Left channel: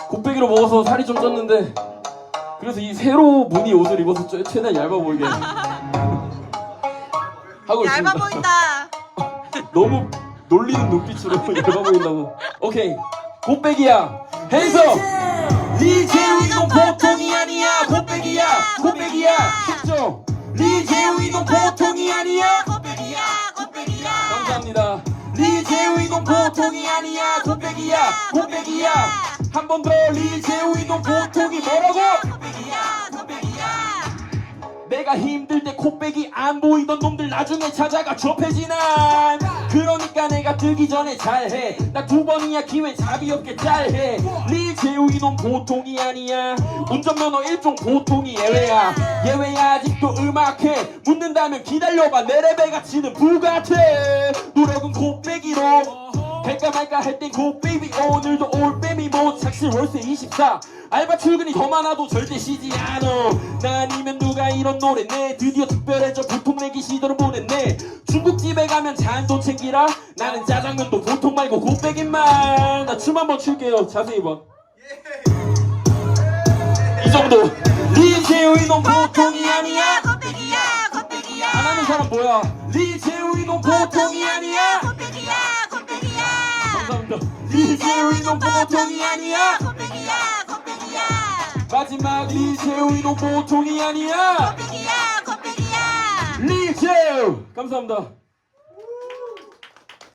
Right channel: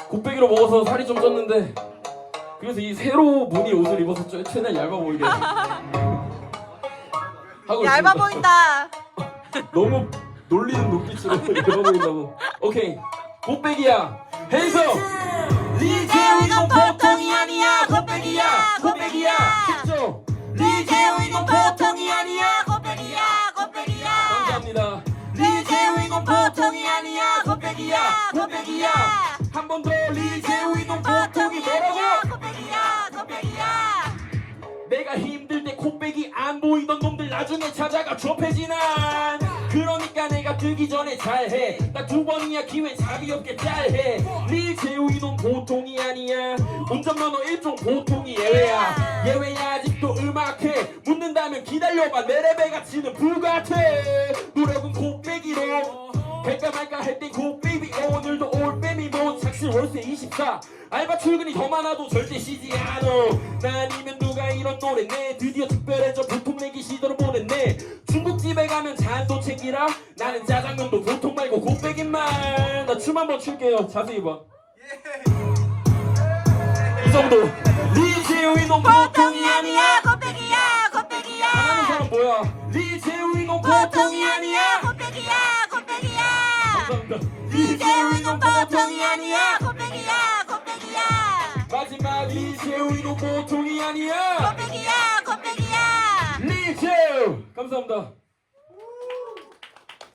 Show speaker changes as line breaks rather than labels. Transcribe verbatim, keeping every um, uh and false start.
곱빼기로 먹어서 살이 좀 쪘는데 그래서 이 새로 무늬 옷을 입어서 최- 최대한 얇아 보이게 하고
얇아
있습니다.
보인다.
너무 놀리는 눈빛으로 얇아 보인다고. 오케이, 곱빼기야 해서
리제우 이건 보통이 아니야. 곱빼기야, 곱빼기야.
했죠?
리제우 이건 보통이 아니야. 곱빼기야, 곱빼기야.
감사합니다.
리제우 이건 보통이 아니야. 곱빼기야, 곱빼기야.
한 번 더 리제우 이건 보통이 뭐라고?
곱빼기야, 곱빼기야.
내가 힘들 때 콧배기 안 보이던 놈들 나중에 찾아가 좁혀지난. 그러니까 내가 들기 전에 잘해. 나 두 번이야 기회 잡이 없게 잘해. 리제우 이놈 보통이 아니야. 운전면허 일종 보통이 예외야. 예외야 아직도 음악해. 묻는다면 기다려봐 내 레벨 가치는 불같아. 노력은 곱빼기로 될까 말까 할 땐 곱베이비. 오늘도 올빼미 뭐 착실 월세 이십사. 알바 출근이 더 많아도 절대 쉬지 않어. 나 아니면 누가 이런 노래 내. 드디어 특별해져 보통 내기 시도를 보냈네. 중국집에 가면 잔도 챙기라. 나는 짜장면도 보통 말고 곱빼기만. 나 춤 한번 출게요. 자세히 봐. 이 정도. 리제우 이놈
보통이 아니야. 곱빼기야, 곱빼기야.
하는 사람 뭐야? 리제우 이놈
보통이 아니야. 곱빼기야, 곱빼기야.
감사합니다.
리제우 이건 보통이 아니야. 곱빼기야, 곱빼기야.
마지막 리제우 이놈 보통이 아니야.
곱빼기야, 곱빼기야.
리제우 감사합니다.